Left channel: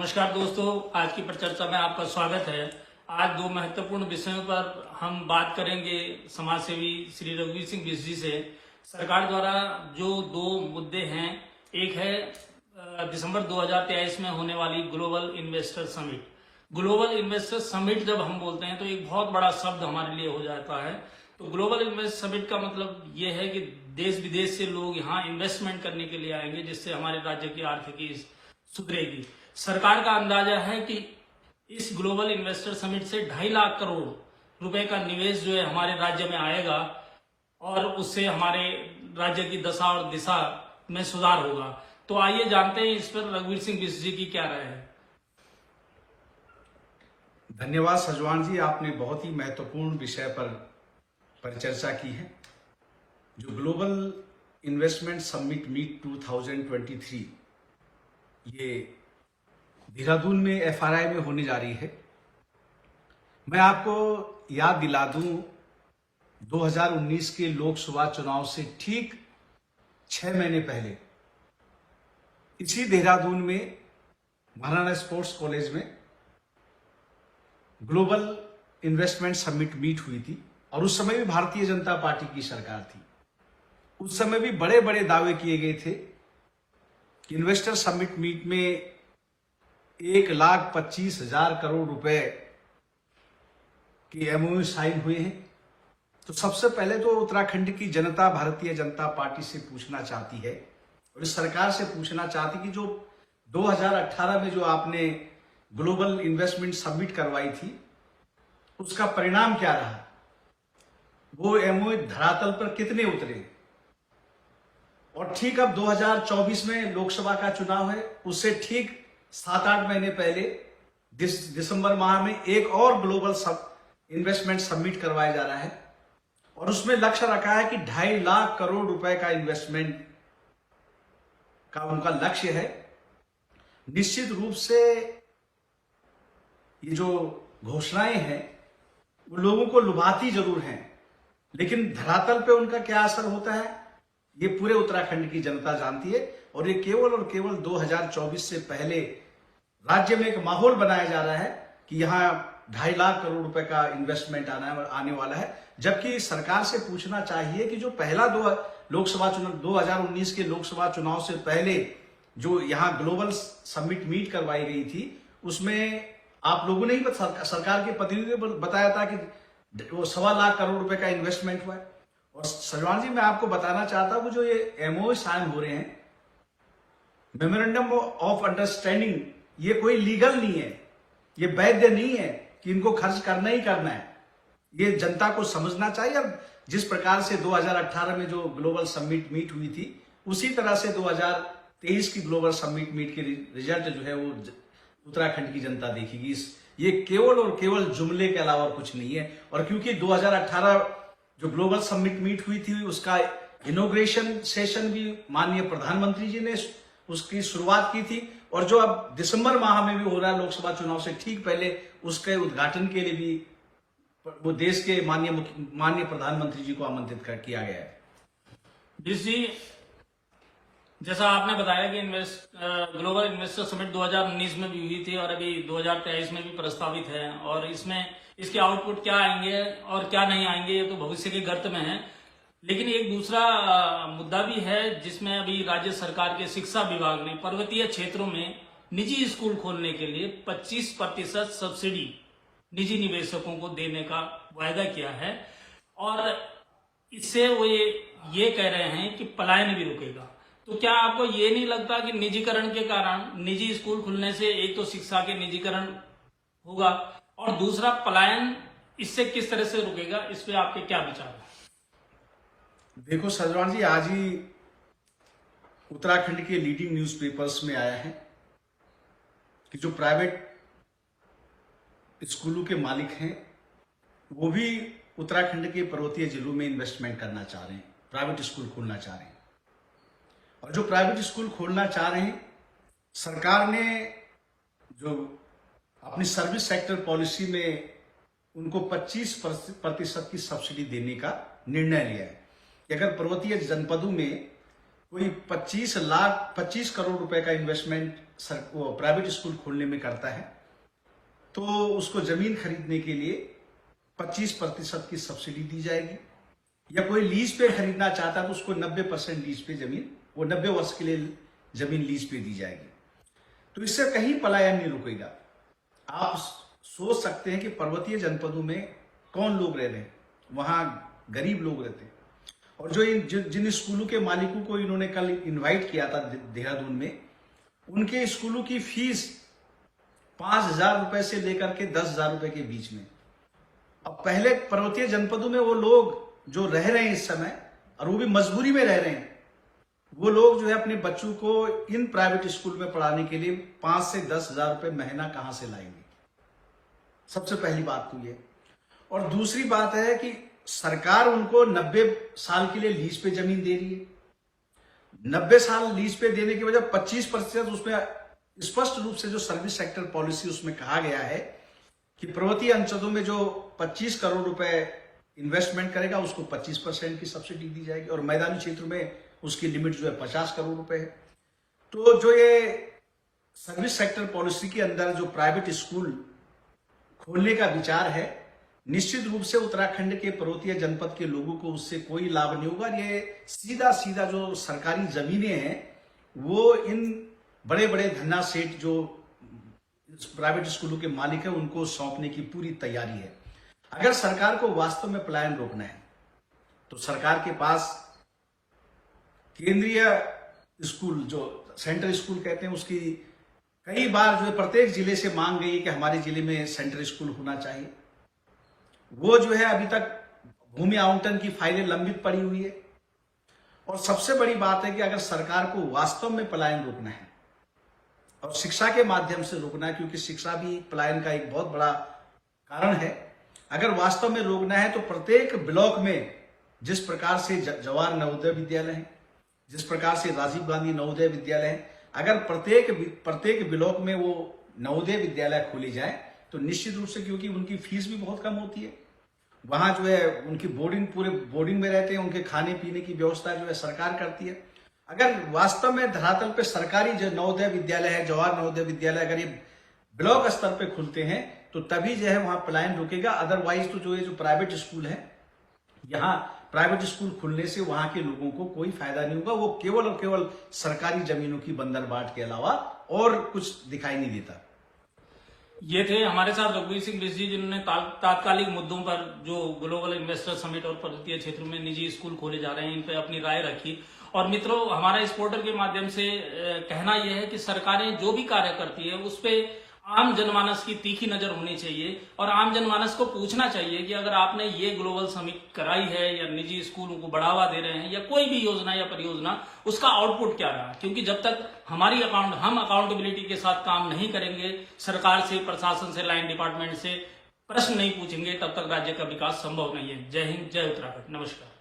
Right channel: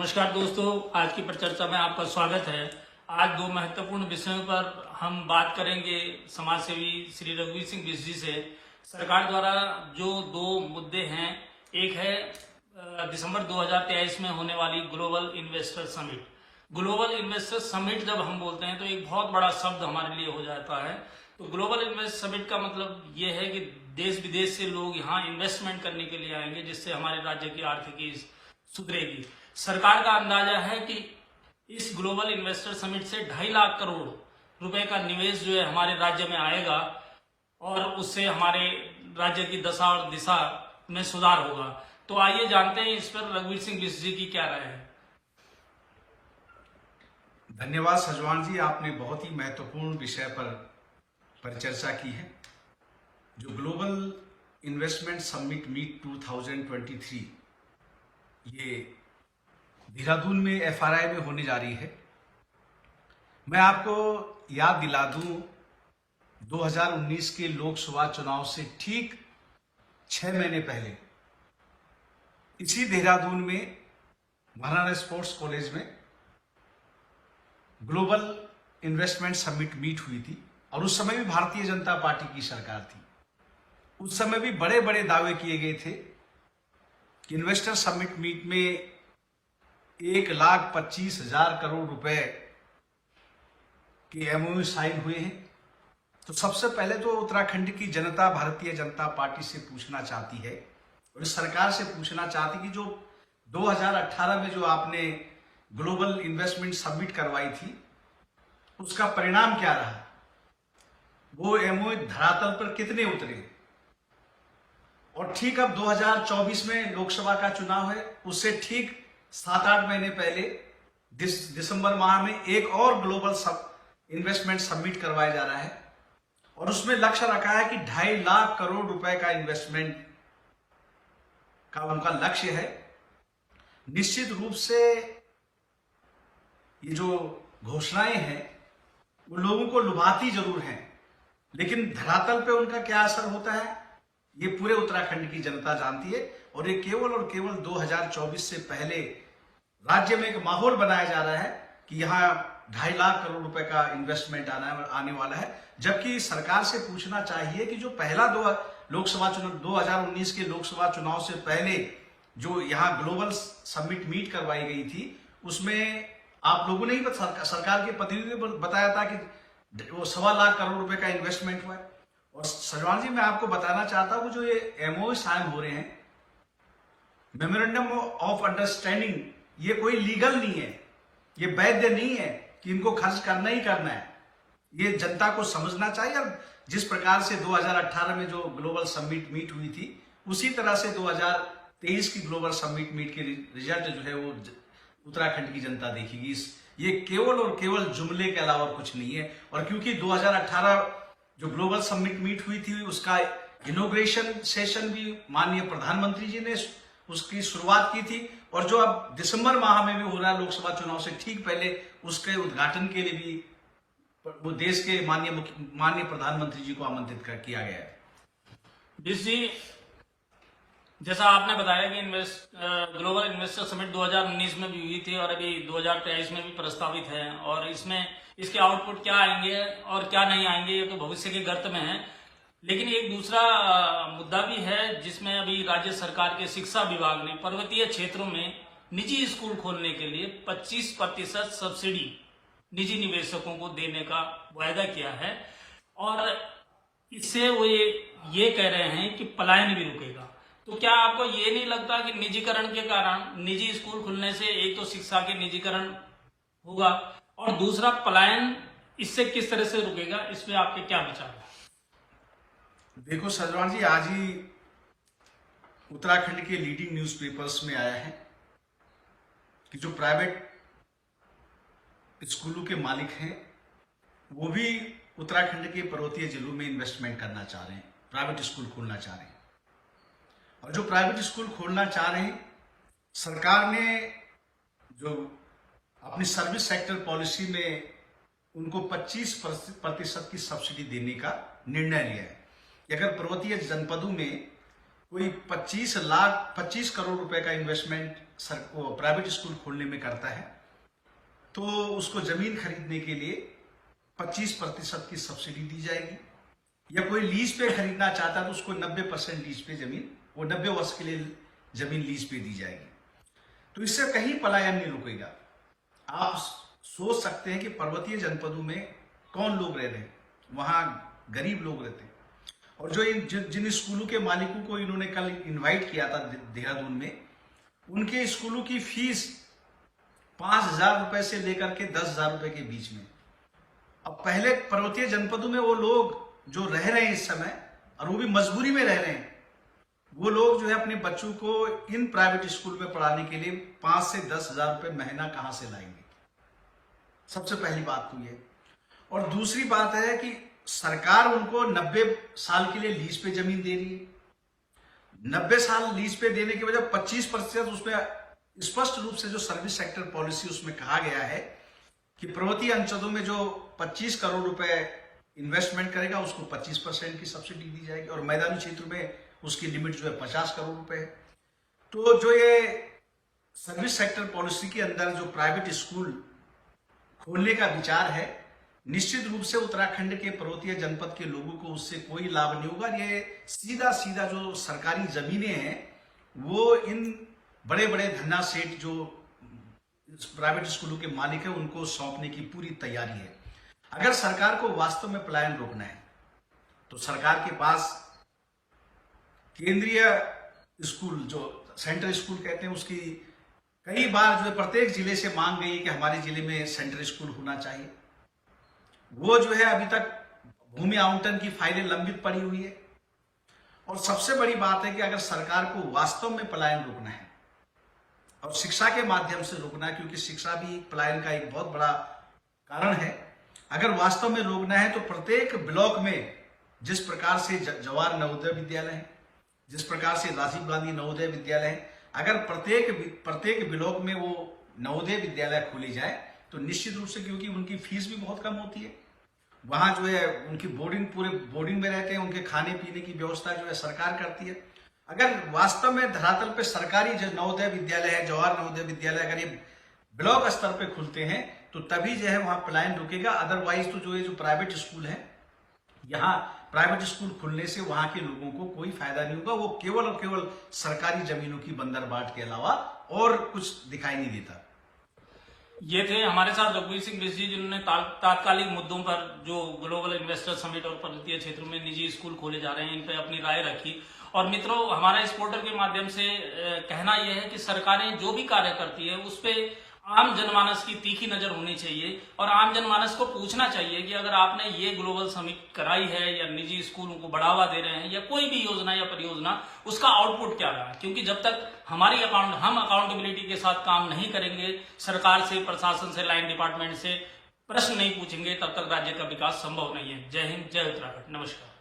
नमस्कार दोस्तों, आज की परिचर्चा में आपका स्वागत है। आज दो महत्वपूर्ण विषयों पर हम बात करेंगे समाज सेवी श्री रघुवीर सिंह बिष्ट जी से। सरकार द्वारा जो दो मुद्दे हैं, एक है दिसंबर 2023 में होने वाली global investor summit. Global investor summit जब हम बोलते हैं तो एक बहुत बड़ा शब्द हमारे लिए हो जाता है। तो ग्लोबल इन्वेस्टर समिट का मतलब ये है कि देश विदेश से लोग यहाँ इन्वेस्टमेंट करने के लिए आएंगे, जिससे हमारे राज्य की आर्थिकी सुधरेगी। सरकार का अंदाजा है कि इस ग्लोबल इन्वेस्टर समिट से 2.5 लाख करोड़ रुपए का निवेश जो है हमारे राज्य में आएगा और उससे हमारे राज्य की दशा और दिशा में सुधार होगा। तो आइए जानते हैं इस पर रघुवीर सिंह बिष्ट जी की क्या राय है। धन्यवाद सजवान जी, आपने बहुत ही महत्वपूर्ण विषय पर परिचर्चा की है। जो ग्लोबल इन्वेस्टमेंट समिट मीट 2023 ये देहरादून में एफआरआई में होने जा रही है। मैं आपको याद दिला दूं, 2019 के लोकसभा चुनाव से ठीक 6 महीने पहले इसी देहरादून में महाराणा स्पोर्ट्स कॉलेज में ग्लोबल इन्वेस्टमेंट समिट मीट हुई थी और उस समय भी भारतीय जनता पार्टी की सरकार थी। उस समय भी बड़े बड़े दावे किए गए थे कि इन्वेस्टर समिट मीट में 1,25,000 करोड़ रुपए के एमओयू साइन हुए हैं। तो सबसे पहले तो उत्तराखंड की जनता भारतीय जनता पार्टी से पूछना चाहती है और इस सरकार से पूछना चाहती कि जो 2018 में जो आपने ग्लोबल इन्वेस्टमेंट समिट करवाई थी, उसका परिणाम क्या रहा? वो एमओयू धरातल पर कितने उतरे? और ठीक अब 2024 में लोकसभा का चुनाव है, उससे ठीक 7-8 महीने पहले दिसंबर माह में एक और ग्लोबल इन्वेस्टमेंट समिट करवाया जा रहा है और उसमें लक्ष्य रखा है कि 2.5 लाख करोड़ रुपए का इन्वेस्टमेंट का उनका लक्ष्य है। निश्चित रूप से ये जो घोषणाएं हैं वो लोगों को लुभाती जरूर हैं, लेकिन धरातल पे उनका क्या असर होता है ये पूरे उत्तराखंड की जनता जानती है। और ये केवल और केवल 2024 से पहले राज्य में एक माहौल बनाया जा रहा है कि यहाँ 2.5 लाख करोड़ रुपए का इन्वेस्टमेंट आने वाला है, जबकि सरकार से पूछना चाहिए कि जो पहला लोकसभा चुनाव 2019 के लोकसभा चुनाव से पहले जो यहाँ ग्लोबल समिट मीट करवाई गई थी, उसमें आप लोगों ने ही सरकार के प्रतिनिधियों ने बताया था कि वो 1.25 लाख करोड़ रुपए का इन्वेस्टमेंट हुआ है। और सजवान जी, मैं आपको बताना चाहता हूं जो ये एमओयू साइन हो रहे हैं, मेमोरेंडम ऑफ अंडरस्टैंडिंग, ये कोई लीगल नहीं है, ये वैध नहीं है कि इनको खर्च करना ही करना है। ये जनता को समझना चाहिए। और जिस प्रकार से 2018 में जो ग्लोबल समिट मीट हुई थी, उसी तरह से 2023 की ग्लोबल समिट मीट के रिजल्ट जो है वो उत्तराखंड की जनता देखेगी। ये केवल और केवल जुमले के अलावा और कुछ नहीं है। और क्योंकि 2018 जो ग्लोबल समिट मीट हुई थी, उसका इनॉग्रेशन सेशन भी माननीय प्रधानमंत्री जी ने उसकी शुरुआत की थी, और जो अब दिसंबर माह में भी हो रहा है लोकसभा चुनाव से ठीक पहले, उसके उद्घाटन के लिए भी वो देश के माननीय प्रधानमंत्री जी को आमंत्रित किया गया है। बिष्ट जी, जैसा आपने बताया कि ग्लोबल इन्वेस्टर समिट 2019 में भी हुई थी और अभी 2023 में भी प्रस्तावित है, और इसमें इसके आउटपुट क्या आएंगे और क्या नहीं आएंगे ये तो भविष्य के गर्त में है। लेकिन एक दूसरा मुद्दा भी है जिसमें अभी राज्य सरकार के शिक्षा विभाग ने पर्वतीय क्षेत्रों में निजी स्कूल खोलने के लिए 25% सब्सिडी निजी निवेशकों को देने का वायदा किया है, और इससे वो ये कह रहे हैं कि पलायन भी रुकेगा। तो क्या आपको ये नहीं लगता कि निजीकरण के कारण, निजी स्कूल खुलने से एक तो शिक्षा के निजीकरण होगा और दूसरा पलायन इससे किस तरह से रुकेगा? इस पे आपके क्या विचार है? देखो सजवान जी, आज ही उत्तराखंड के लीडिंग न्यूज़पेपर्स में आया है कि जो प्राइवेट स्कूलों के मालिक हैं वो भी उत्तराखंड के पर्वतीय जिलों में इन्वेस्टमेंट करना चाह रहे हैं, प्राइवेट स्कूल खोलना चाह रहे हैं। और जो प्राइवेट स्कूल खोलना चाह रहे हैं, सरकार ने जो अपनी सर्विस सेक्टर पॉलिसी में उनको 25% की सब्सिडी देने का निर्णय लिया है कि अगर पर्वतीय जनपदों में कोई 25 करोड़ रुपए का इन्वेस्टमेंट प्राइवेट स्कूल खोलने में करता है, तो उसको जमीन खरीदने के लिए 25% की सब्सिडी दी जाएगी। या कोई लीज पे खरीदना चाहता है तो उसको 90% लीज पे जमीन, वो 90 वर्ष के लिए जमीन लीज पे दी जाएगी। तो इससे कहीं पलायन नहीं रुकेगा। आप सोच सकते हैं कि पर्वतीय जनपदों में कौन लोग रह रहे हैं, वहां गरीब लोग रहते हैं। और जिन स्कूलों के मालिकों को इन्होंने कल इनवाइट किया था देहरादून में, उनके स्कूलों की फीस 5,000 रुपए से लेकर के 10,000 रुपए के बीच में। अब पहले पर्वतीय जनपदों में वो लोग जो रह रहे हैं इस समय, और वो भी मजबूरी में रह रहे हैं, वो लोग जो है अपने बच्चों को इन प्राइवेट स्कूल में पढ़ाने के लिए 5 से 10,000 रुपए महीना कहां से लाएंगे। सबसे पहली बात तो ये। और दूसरी बात है कि सरकार उनको 90 साल के लिए लीज पे जमीन दे रही है। 90 साल लीज पे देने की वजह 25% उसमें स्पष्ट रूप से जो सर्विस सेक्टर पॉलिसी उसमें कहा गया है कि पर्वतीय अंचलों में जो 25 करोड़ रुपए इन्वेस्टमेंट करेगा उसको 25% की सब्सिडी दी जाएगी, और मैदानी क्षेत्र में उसकी लिमिट जो है 50 करोड़ रुपए है। तो जो ये सर्विस सेक्टर पॉलिसी के अंदर जो प्राइवेट स्कूल खोलने का विचार है, निश्चित रूप से उत्तराखंड के पर्वतीय जनपद के लोगों को उससे कोई लाभ नहीं होगा। ये सीधा सीधा जो सरकारी जमीनें हैं वो इन बड़े बड़े धन्ना सेठ जो प्राइवेट स्कूलों के मालिक हैं उनको सौंपने की पूरी तैयारी है। अगर सरकार को वास्तव में पलायन रोकना है तो सरकार के पास केंद्रीय स्कूल, जो सेंट्रल स्कूल कहते हैं, उसकी कई बार जो प्रत्येक जिले से मांग गई है कि हमारे जिले में सेंट्रल स्कूल होना चाहिए। वो जो है अभी तक भूमि आवंटन की फाइलें लंबित पड़ी हुई है। और सबसे बड़ी बात है कि अगर सरकार को वास्तव में पलायन रोकना है और शिक्षा के माध्यम से रोकना है, क्योंकि शिक्षा भी पलायन का एक बहुत बड़ा कारण है, अगर वास्तव में रोकना है तो प्रत्येक ब्लॉक में जिस प्रकार से जवाहर नवोदय विद्यालय है, जिस प्रकार से राजीव गांधी नवोदय विद्यालय है, अगर प्रत्येक ब्लॉक में वो नवोदय विद्यालय खोले जाए तो निश्चित रूप से, क्योंकि उनकी फीस भी बहुत कम होती है, वहां जो है उनकी पूरे बोर्डिंग में रहते हैं, उनके खाने पीने की व्यवस्था जो है सरकार करती है। अगर वास्तव में धरातल पे सरकारी जो नवोदय विद्यालय है, जवाहर नवोदय विद्यालय, अगर ये ब्लॉक स्तर पे खुलते हैं तो तभी जो है वहां पलायन रुकेगा। अदरवाइज तो जो प्राइवेट स्कूल है, यहाँ प्राइवेट स्कूल खुलने से वहां के लोगों को कोई फायदा नहीं होगा। वो केवल और केवल सरकारी जमीनों की बंदरबाट के अलावा और कुछ दिखाई नहीं देता। ये थे हमारे साथ रघुवीर सिंह बिष्ट जी, जिन्होंने तात्कालिक मुद्दों पर जो ग्लोबल इन्वेस्टर समिट और पर्वतीय क्षेत्र में निजी स्कूल खोले जा रहे हैं इन पर अपनी राय रखी। और मित्रों, हमारा इस पोर्टल के माध्यम से कहना यह है कि सरकारें जो भी कार्य करती है उस पे आम जनमानस की तीखी नजर होनी चाहिए और आम जनमानस को पूछना चाहिए कि अगर आपने ये ग्लोबल समिट कराई है या निजी स्कूलों को बढ़ावा दे रहे हैं या कोई भी योजना या परियोजना, उसका आउटपुट क्या रहा। क्योंकि जब तक हम अकाउंटेबिलिटी के साथ काम नहीं करेंगे, सरकार से, प्रशासन से, लाइन डिपार्टमेंट से प्रश्न नहीं पूछेंगे, तब तक राज्य का विकास संभव नहीं है। जय हिंद, जय उत्तराखंड, नमस्कार।